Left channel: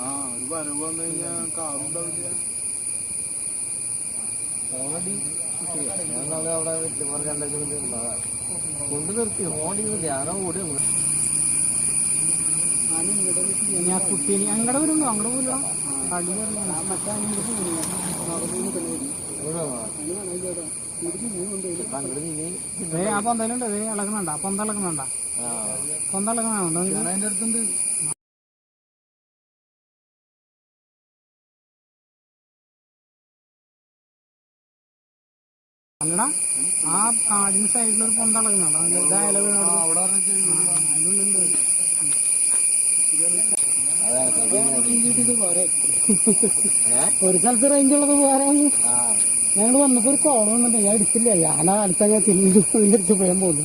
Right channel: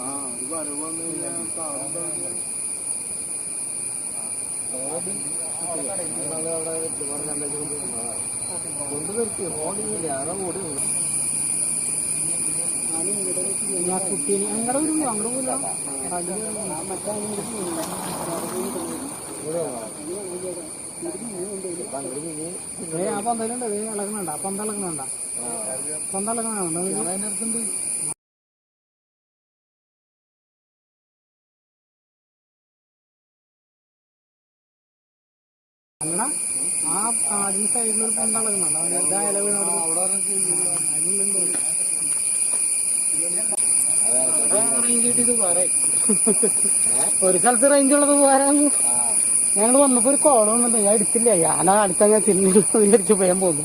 ആ ഓൾറെഡി ഞാൻ നാളെ അവിടെ വെട്ടുമാർ രണ്ടാഴ്ച കൊണ്ട് നിർത്തി. ഓടിയില്ല. ആരോ ഓടി ഞാൻ കുട്ടി അങ്ങടെ വരുന്നു അങ്ങടെ പോല ആ. പന്തലുണ്ട് ഇളകണണ്ട. ആ പന്ത ഇളകണണ്ട പന്ത ഇളകണുണ്ട് അതിന്റെ അടുത്തുണ്ട്. അല്ലടാ ആ കാടിന് പന്ത ഒരു സ്ഥലത്ത് റേഞ്ച് ഉള്ളത് പോരാ ഞങ്ങൾ വന്നപ്പോ ഒരു കോൾ വന്നിട്ടുണ്ട്. ഞാൻ എടുത്തില്ല ഞാൻ അടുത്ത ഞാൻ തിരിഞ്ഞു വിചാരിച്ചു പോയാൻ പോകുന്നു.